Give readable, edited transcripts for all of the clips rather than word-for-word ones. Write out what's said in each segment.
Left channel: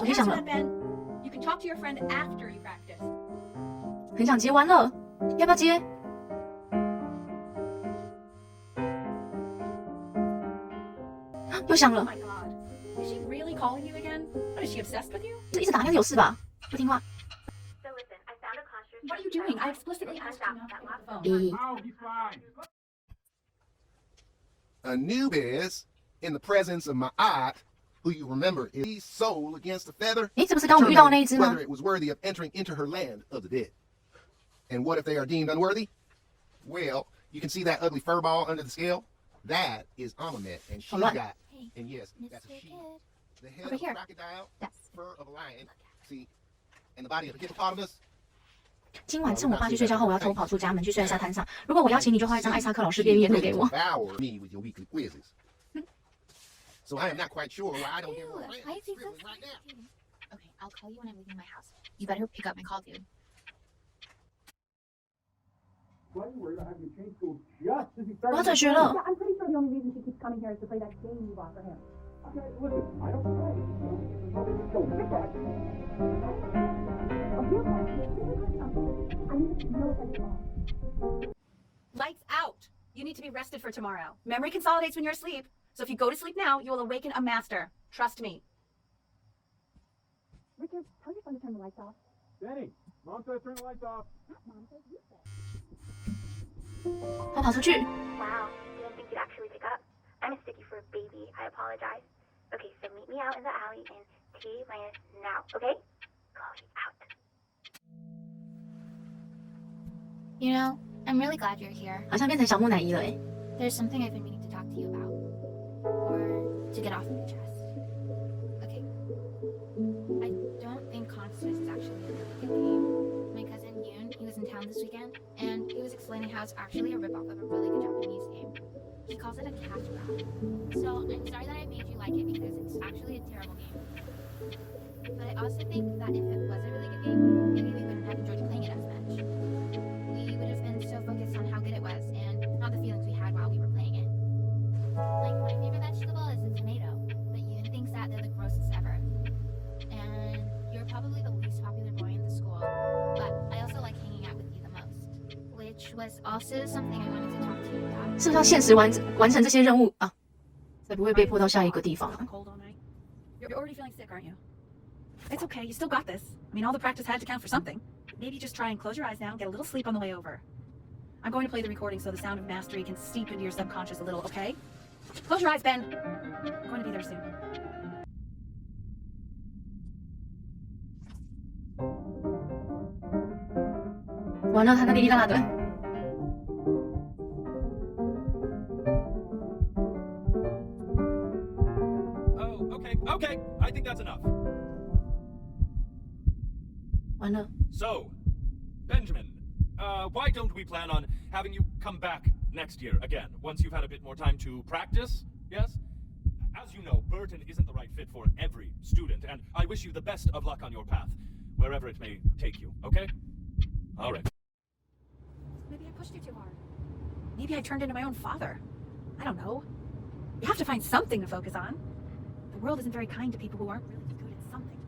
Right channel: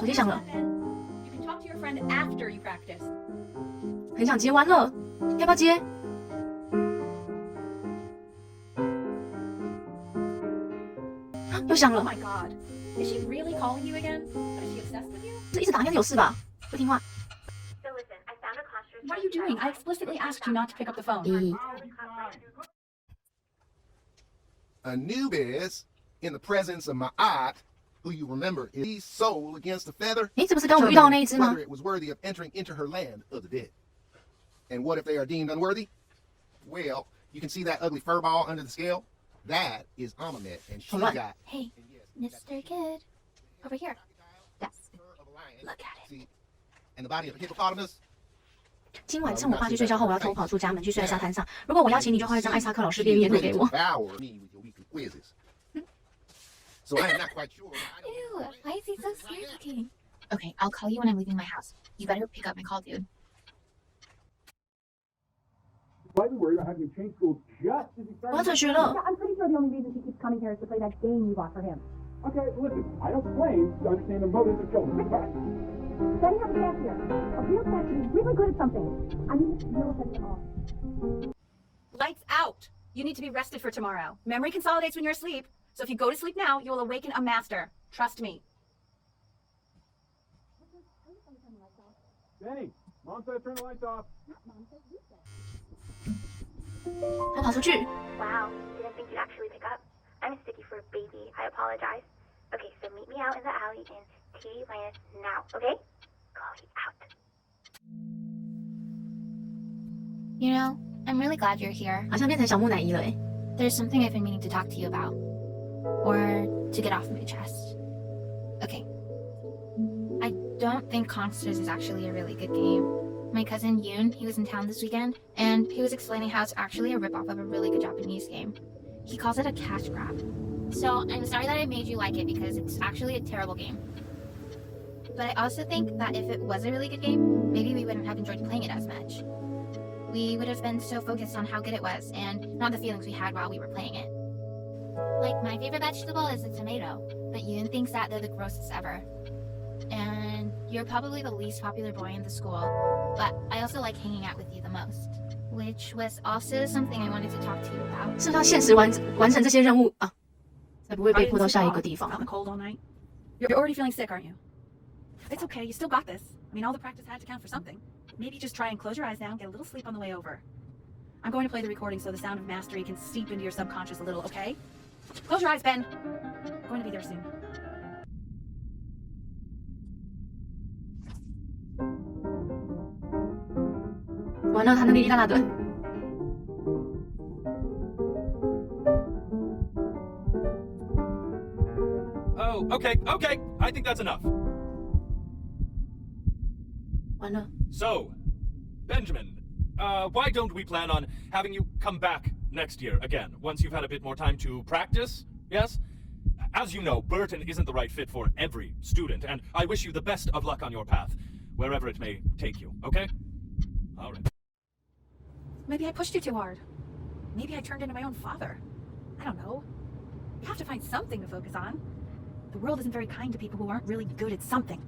手机响了， You can talk to your friend after you practice. 很想结完了，要不要接？又响了 Oh，my god. Is she really calling you again? What, is she obsessed with you? 这一直打应该是有事吧？不听话。 What are you doing? I explicitly asked you not to pick up the phone. A noob is, in the presence of my aunt, who you remember is soul against the feather, 诶，这不是刚我们遇到的那一只吗 whether？it was worthy of entering into her land of the dead. And what if they are deemed unworthy? Well, you can see that ugly fur ball under the scale? That is Amamet, and she Hold on. got, Hey, and yes, Mr. Kid. the head over of here. a crocodile, Yes. fur of a lion, Look at it. see, and the body of a hippopotamus. 今晚趁我爸去睡觉后，我要偷跑出家门去睡在沙滩上。如果我邀请你，就画一张艾萨克老师毕业图给我。 Devour me with your weekly quizzes. So I am not quite sure why I don't get Ew, more rest. why is he so sweet looking? Okay, I'll call you when I'm leaving my house. You better pick up my call, dude. Slightly worried about having you change schools just as he 我要 started. 转学了。 Yeah, I'm pretty sure the only reason she keeps coming here is to play that game you bought for him. Okay, well, listen, I don't claim to understand the motives of children, but Then you have a chance here. A real chance to be really good at something. I mean, no offense at all. Lights out! You need to be rested for tomorrow. Memory consolidates when you're asleep, so if you go to sleep now, you will awaken a master. Trust me. Richard, tell your son to turn the lights off. Benny, Mom says turn the lights off. Not Mom says you said. 他跑出去， Wow, didn't think you'd actually pick up. I'm a sticky fruit baby. I apologize. Okay, so meet me out in the alley in T minus now, okay? Chloe out. You know, I'm really glad you're here. 好像变成小木乃伊了诶。 There's something I've been meaning to talk to you about. Or to get off my chest. Okay. I don't think Constance is actually a really good game. My cousin Yoon, he was in town this weekend, and he was explaining how it's actually a ripoff of a really good Japanese game. He calls it a cash grab. So I'm sorry that I made you like it because it's actually a terrible game. But I also think that if it was a really good game, maybe we wouldn't have enjoyed playing it as much. We would have been so focused on how good it was and not the feelings we had while we were playing it. Like, my favorite vegetable is a tomato, but Yoon thinks that they're the grossest ever. And you're probably the least popular boy in the school, but I also like hanging out with you the most. Which was also something I wanted to talk to you about. 是不是要现实完成这些任务啊，才不会被迫到下一个地方 Out in the cold all night. You're already feeling sick, aren't you? It's okay. You still got this. I mean, all the practice had to count for something. Maybe just try and close your eyes now and get a little sleep on the way over. I'm going to play the recording so the sound of mastery can seep into your subconscious a little, okay? Close your eyes, Ben. I'm going to be there soon. 完了，他那哩哩啦啦的。 Oh, okay. I think that's enough. 完了， So, Benjamin, why don't we plan on having you come back next year again, once you've had a bit more time to practice? Yes? As you know, Burton isn't the right fit for every student, and I wish you the best of luck on your path, wherever it may take you, okay? All right. Maybe I pushed you too hard. Maybe I turned into my own father. I don't know. You have to find something to focus on. The world isn't very kind to people who aren't really good at something.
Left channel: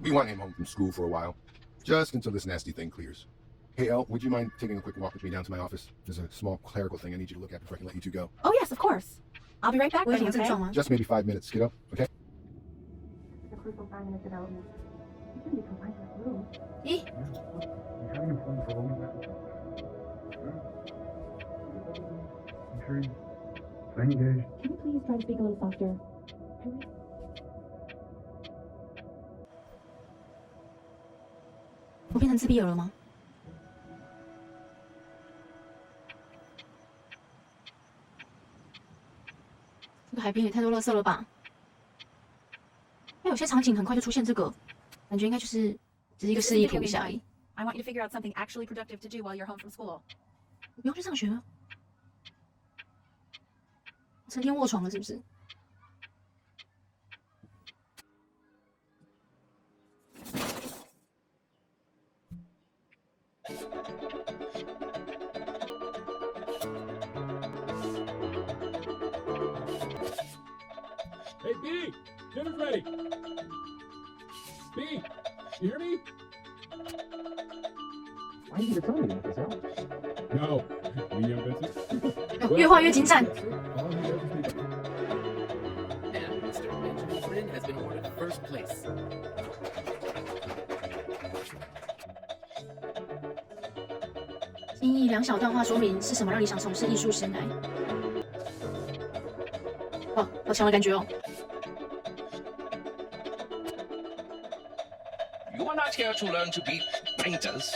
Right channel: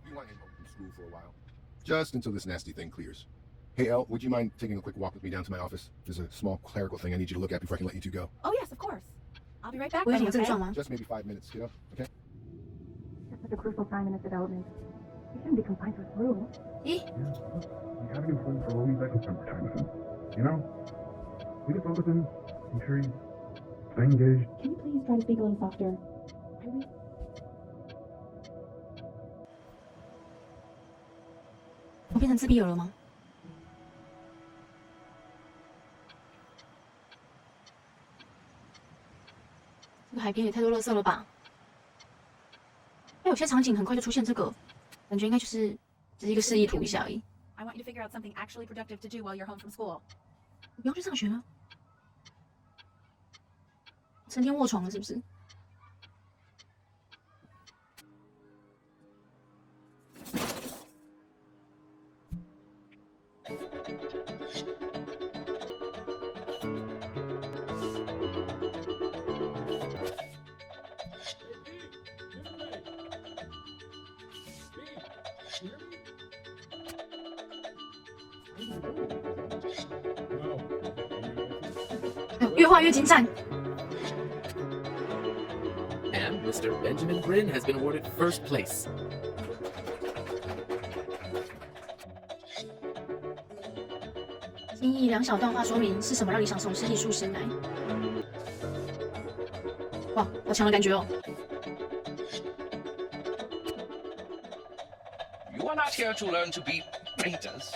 We want him home from school for a while, just until this nasty thing clears. Hey, Elle, would you mind taking a quick walk with me down to my office? There's a small clerical thing I need you to look at before I can let you two go. Oh yes, of course. I'll be right back, 我有什 Benny, 么症 okay? 状吗？ Just maybe 5 minutes, kiddo, okay? It's such a crucial time in his development. He shouldn't be confined to his room. 咦， You haven't improved for all these extra summertime, man. You know? We just focus in, make sure you stay engaged. Can you please try and speak a little softer? Really? 我变成自闭儿了吗？这个海边也太多垃圾了吧？那有些场景很快就出现这个，感觉应该就是只是一个示意图一下而已。 I want you to figure out something actually productive to do while you're home from school. 我不用去上学了，成天卧床了是不是？ Hey, B, dinner's ready. B, you hear me? Why didn't you tell me this? No. 越画越精湛。 And Mr. Benjamin Brin has been awarded first place. 精益两小段话说明是什么让你想从事艺术生涯？哇，好强的感觉哦！ You are not here to learn to be painters.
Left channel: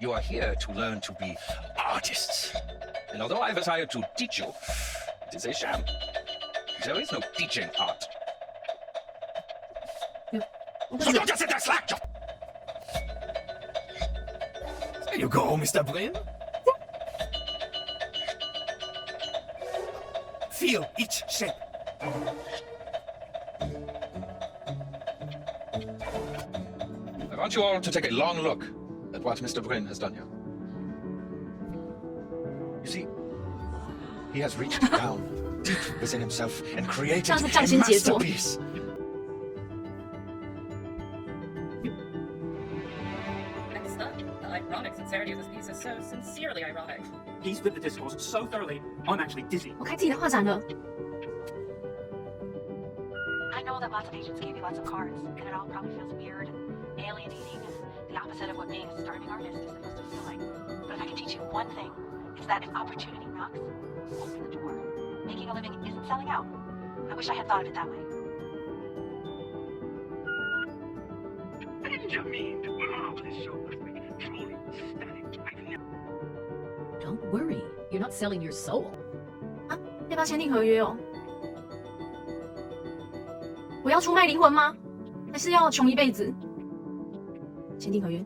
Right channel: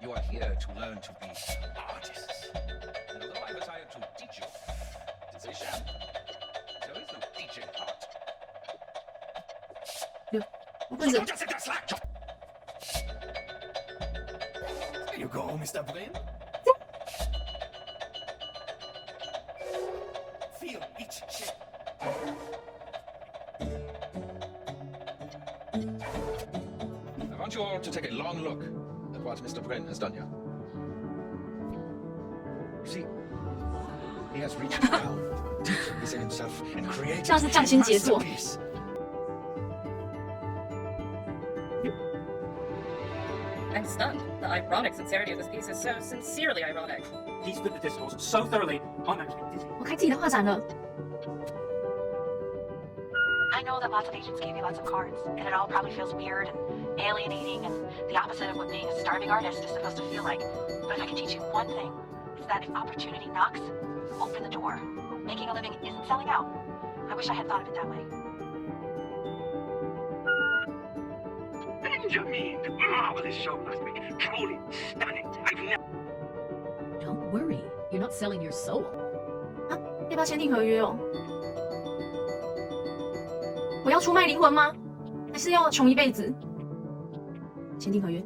You are here to learn to be artists. And although I was hired to teach you, it is a sham. There is no teaching art. 不 So 是 don't just sit there slack. There you go, Mr. Brin. Feel each shape. I want you all to take a long look at what Mr. Brin has done here. You see, he has reached down deep within himself and created 像是 a 匠心杰作。 masterpiece. I'm stunned. The ironic sincerity of this piece is so sincerely ironic. He's with the discourse so thoroughly, I'm actually dizzy. 我开自己的画展了。 I know that lots of agents gave you lots of cards, and it all probably feels weird and alienating and the opposite of what being a starving artist is supposed to feel like. But if I can teach you one thing, it's that if opportunity knocks, open the door. Making a living isn't selling out. I wish I had thought of it that way. Benjamin! Oh, this show must be truly stunning. I've never... Don't worry, you're not selling your soul. 啊，要不要签订合约哦？我要出卖灵魂吗？还是要穷一辈子？签订合约。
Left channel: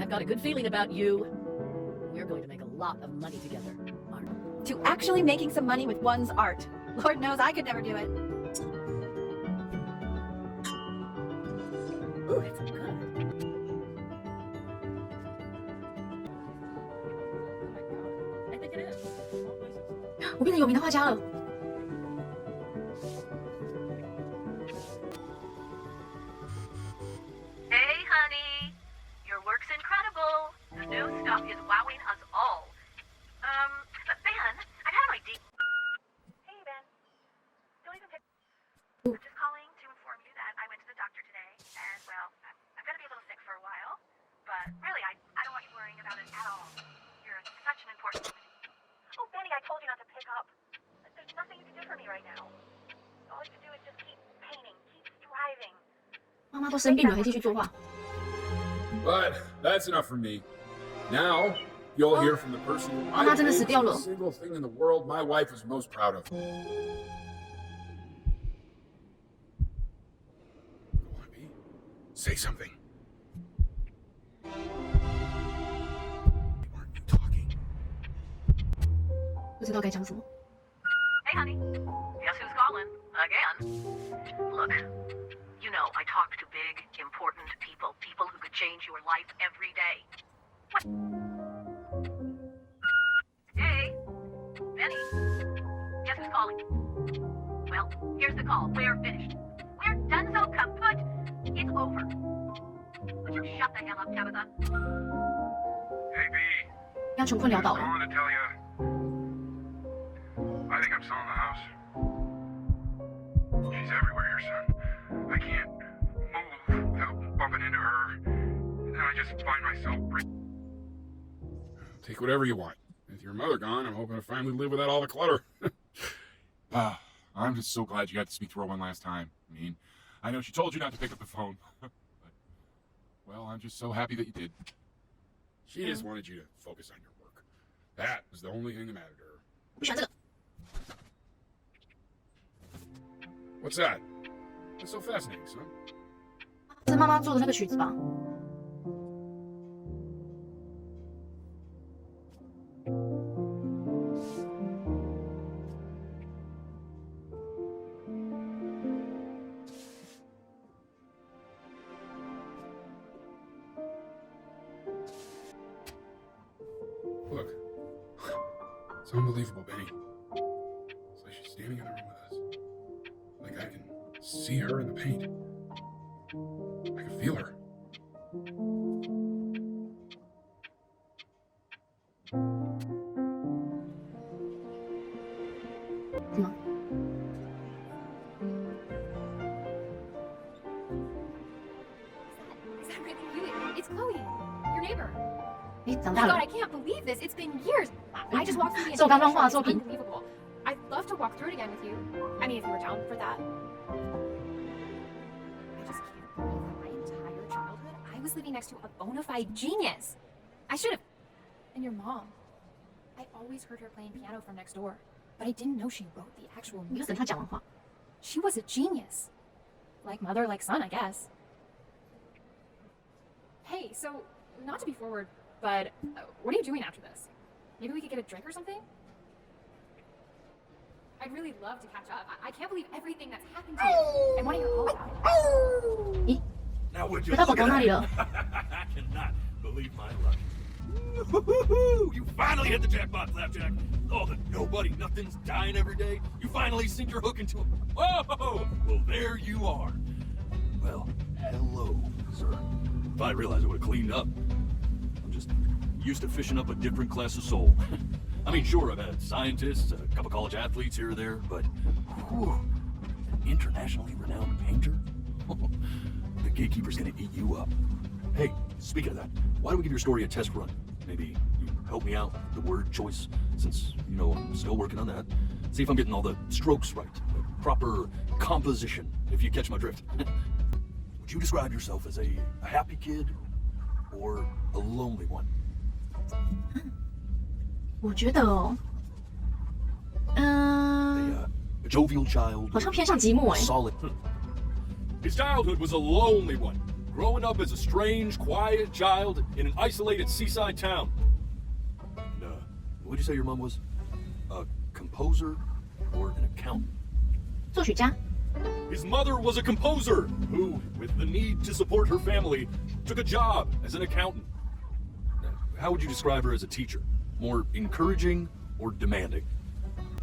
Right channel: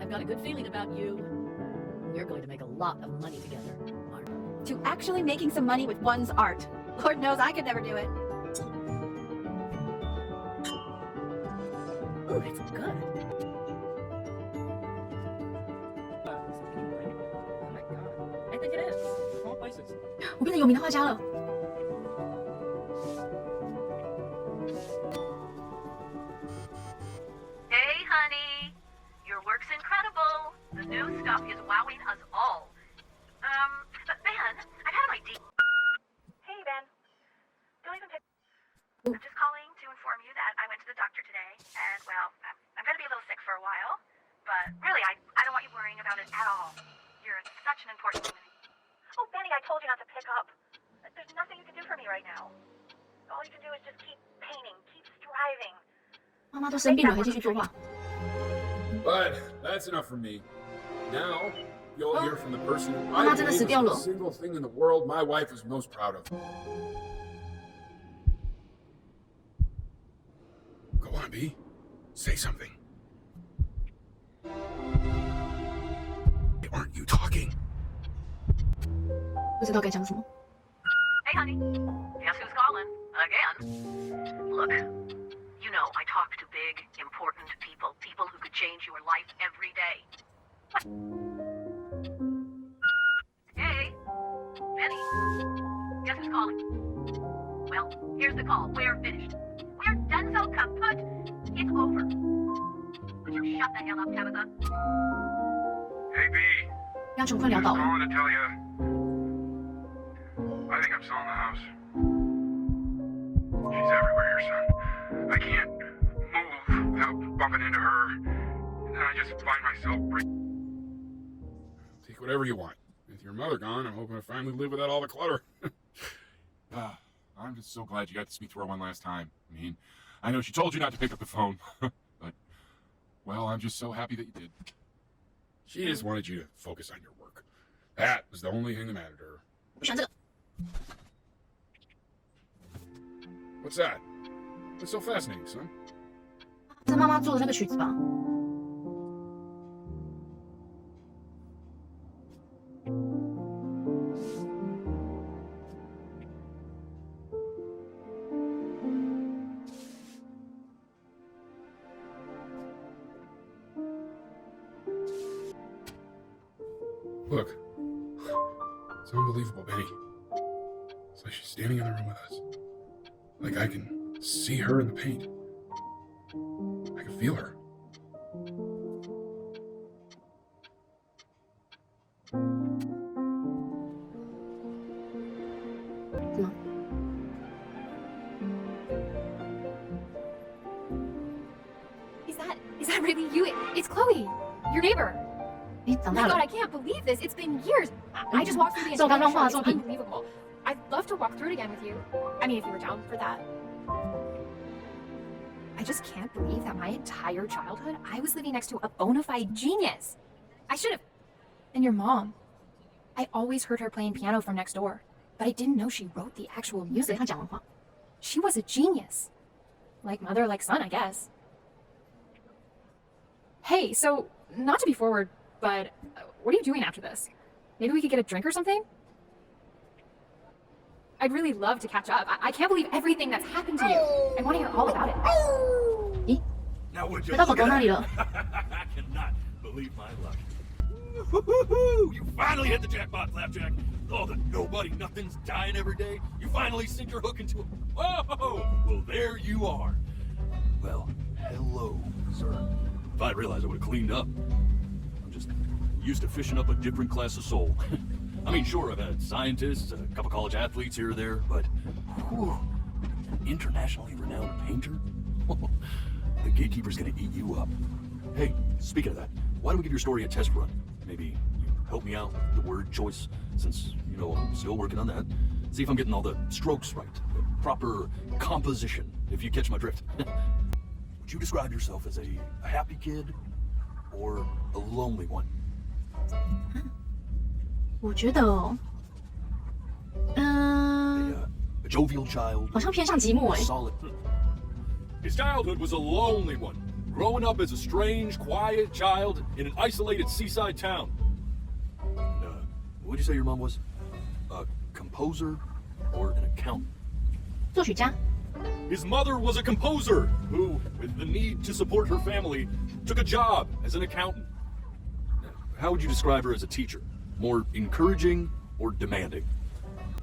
I've got a good feeling about you. We're going to make a lot of money together. To actually making some money with one's art. Lord knows I could never do it. Ooh, it's good. Oh my god. I think it is. Wrong places. 我变成有名的画家了。 Hey, honey. Your work's incredible. The new stuff is wowing us all. But Ben, I had an idea. Hey, Ben. Don't even pick. I'm just calling to inform you that I went to the doctor today, and well, I'm going to be a little sick for a while. But really, I don't want you worrying about it at all. You're such an important. Oh, Benny, I told you not to pick up. There's nothing you can do for me right now. All you can do is just keep painting, keep striving. 妈妈都生病了，还继续作画。 But that's enough for me. Now, you'll hear from the person who I 妈妈真的 believe 死 is 掉 the 了。 single thing in the world my wife is most proud of. Go on, B. Say something. Aren't you talking? 不知道该讲什么。 Hey, honey. Guess who's calling? Again. Look, you know I talk to big, important people. People who could change your life every day. What? Hey. Benny. Guess who's calling? Well, here's the call. We're finished. We're done so kaput. It's over. Would you shut the hell up, Tabitha? Hey, B. 让穷困潦倒 I 了。 want to tell you. I think I'm selling the house. She's everywhere here, son. I can't move without bumping into her. And then I just find myself Take whatever you want. With your mother gone, I'm hoping to finally live without all the clutter. I'm just so glad you got to speak to her one last time. I mean, I know she told you not to pick up the phone, but, well, I'm just so happy that you did. She just wanted you to focus on your work. That was the only thing that mattered to her. 不喜欢这个。 What's that? That's so fascinating, son. 这是妈妈做的那个曲子吧？ Look. It's unbelievable, Benny. It's like she's standing in the room with us. Like I can see her in the paint. I can feel her. Is that really you? It's Chloe, your neighbor. 你长 Oh 大 my 了 god, I can't believe this. It's been years. I just walked through the 这我刚刚 entire 画的 show. 作 It's 品 unbelievable. I'd love to walk through it again with you. I mean, if you were down for that. I just can't believe that my entire childhood, I was living next to a bona fide genius. I should have. And your mom. I always heard her playing piano from next door, but I didn't know she wrote the actual 你就等 music. 他讲完话。 She was a genius. Like mother, like son, I guess. Hey, so, not to be forward, but what are you doing after this? Maybe we could get a drink or something? I'd really love to catch up. I can't believe everything that's happened to you. I want to hear all about it. 咦， Now would you 回到 look 狗狗 at 那里 that? 了。 I cannot believe my luck. Woo-hoo-hoo! You finally hit the jackpot, Flapjack. Oh, the nobody nothing's dying every day. You finally sink your hook into it. Whoa! Well, there you are. Well, hello, sir. If I realized I would have cleaned up. I'm just used to fishing up a different class of soul. I mean, sure, I've had scientists, a couple college athletes here or there, but whew, an internationally renowned painter? The gatekeeper's gonna eat you up. Hey, speaking of that, why don't we give your story a test run? Maybe you help me out with the word choice, since, you know, I'm still working on that. See if I'm getting all the strokes right, the proper composition, if you catch my drift. Would you describe yourself as a happy kid or a lonely one? 我觉得哦， A jovial child? 好像偏向寂寞哎。 Solid. His childhood was a lonely one, growing up as a strange, quiet child in an isolated seaside town. And, what'd you say your mom was? A composer or an accountant? 作曲家。 His mother was a composer who, with the need to support her family, took a job as an accountant. How would you describe her as a teacher? More encouraging or demanding?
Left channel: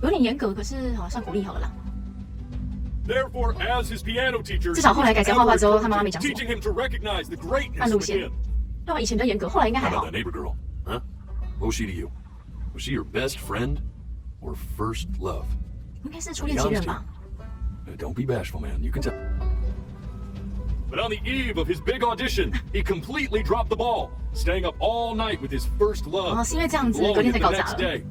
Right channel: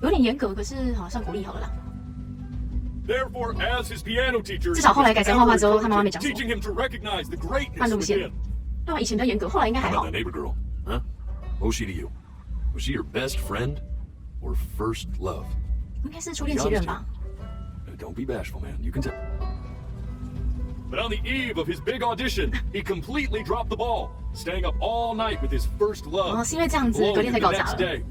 有点严格，可是好像鼓励好了啦。 Therefore, as his piano teacher, 至少后来改成画画之后，他妈妈没讲什么。 teaching him to recognize the greatness 按路线 within. 对啊，以前比较严格，后来应该还 How 好 about。that neighbor girl? Huh? What was she to you? Was she your best friend or first love? 应该是初恋情人吧。 Don't be bashful, man. You can tell. But on the eve of his big audition, he completely dropped the ball, staying up all night with his first love. 哦，是因为这样子， blowing 隔 it 天才 the 搞砸 next 了。 day.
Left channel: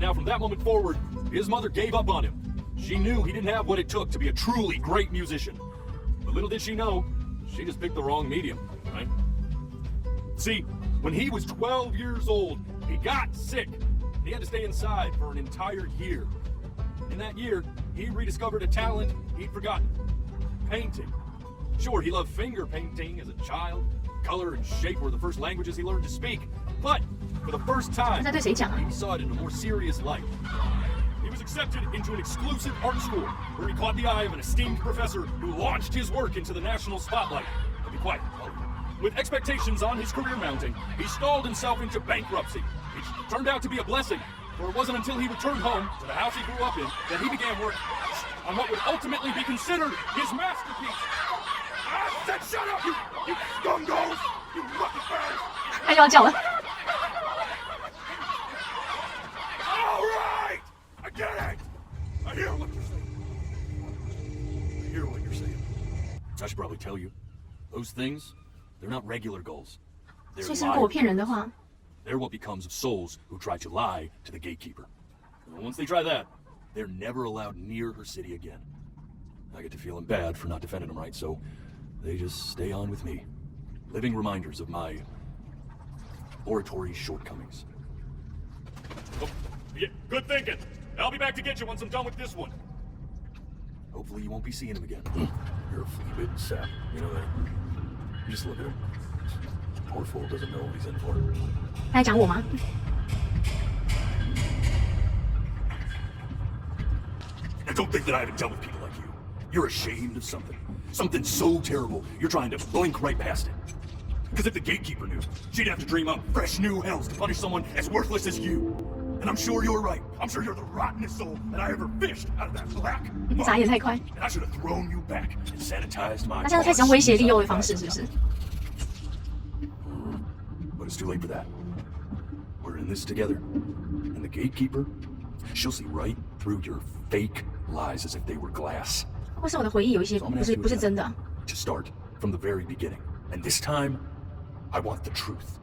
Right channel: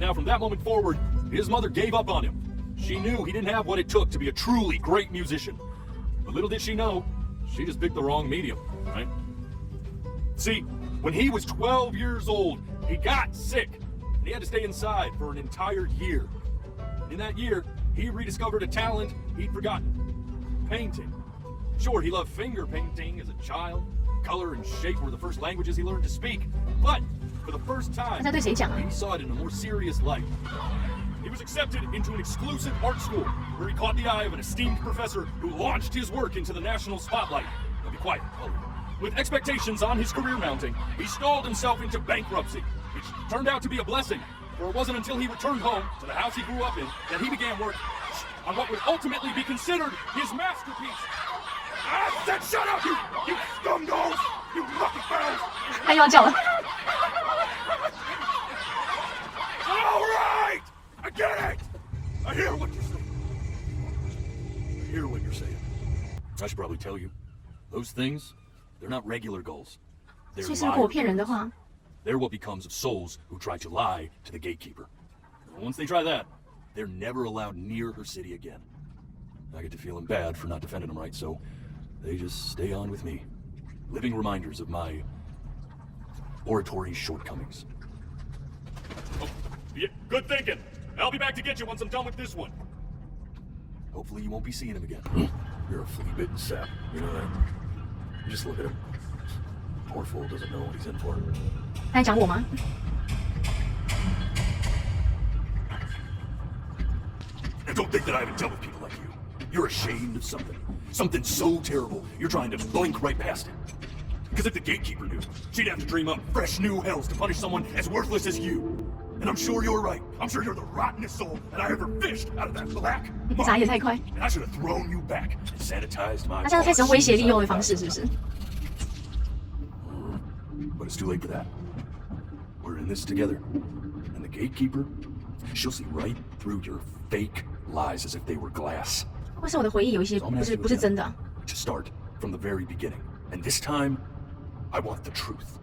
Now, from that moment forward, his mother gave up on him. She knew he didn't have what it took to be a truly great musician. But little did she know, she just picked the wrong medium, right? See, when he was 12 years old, he got sick. And he had to stay inside for an entire year. In that year, he rediscovered a talent he'd forgotten. Painting. Sure, he loved finger painting as a child. Color and shape were the first languages he learned to speak. But for the first time, 他在对谁讲啊？ he saw it in a more serious light. He was accepted into an exclusive art school where he caught the eye of an esteemed professor who launched his work into the national spotlight. Now be quiet. With expectations on his career mounting, he stalled himself into bankruptcy, which turned out to be a blessing, for it wasn't until he returned home to the house he grew up in that he began work on what would ultimately be considered his masterpiece. I said shut up, you scumballs! You lucky fans! 他又要叫了。 All right! I get it! I hear what you're saying. I hear what you're saying. I should probably tell you, those things, they're not regular goals. They're 所以是如果我 liars. 骗人的话， They're what becomes of souls who try to lie to the gatekeeper. And once they try that, they're never allowed near her city again. I get to feeling bad for not defending them right, so they just stay on with me, living reminders of my oratory shortcomings. Oh, yeah, good thinking. I'll be back to get you once I'm done with this one. Hopefully you won't be seeing him again. You're a flea-bitten sap, you know that? Just look at him. Poor fool doesn't know what he's in for. 他在讲我吗？ I don't think that I haven't dealt with people like you. You're ashamed of something. Something so terrible, you're trying to blink right past it. Because if the gatekeeper knew, she'd have to dream up fresh new hells to punish someone as worthless as you. And I'm sure you're right. I'm sure you're the rottenest soul that I ever fished out of that black 眨也太快。 And I should have thrown you back and sanitized my 他现在开始用威胁利诱的方式，是不是？ But it's too late for that. We're in this together. And the gatekeeper, she'll see right through your fake lies as if they were glass. 或是我的回忆有一些不是真的。 To start from the very beginning. And this time, I want the truth.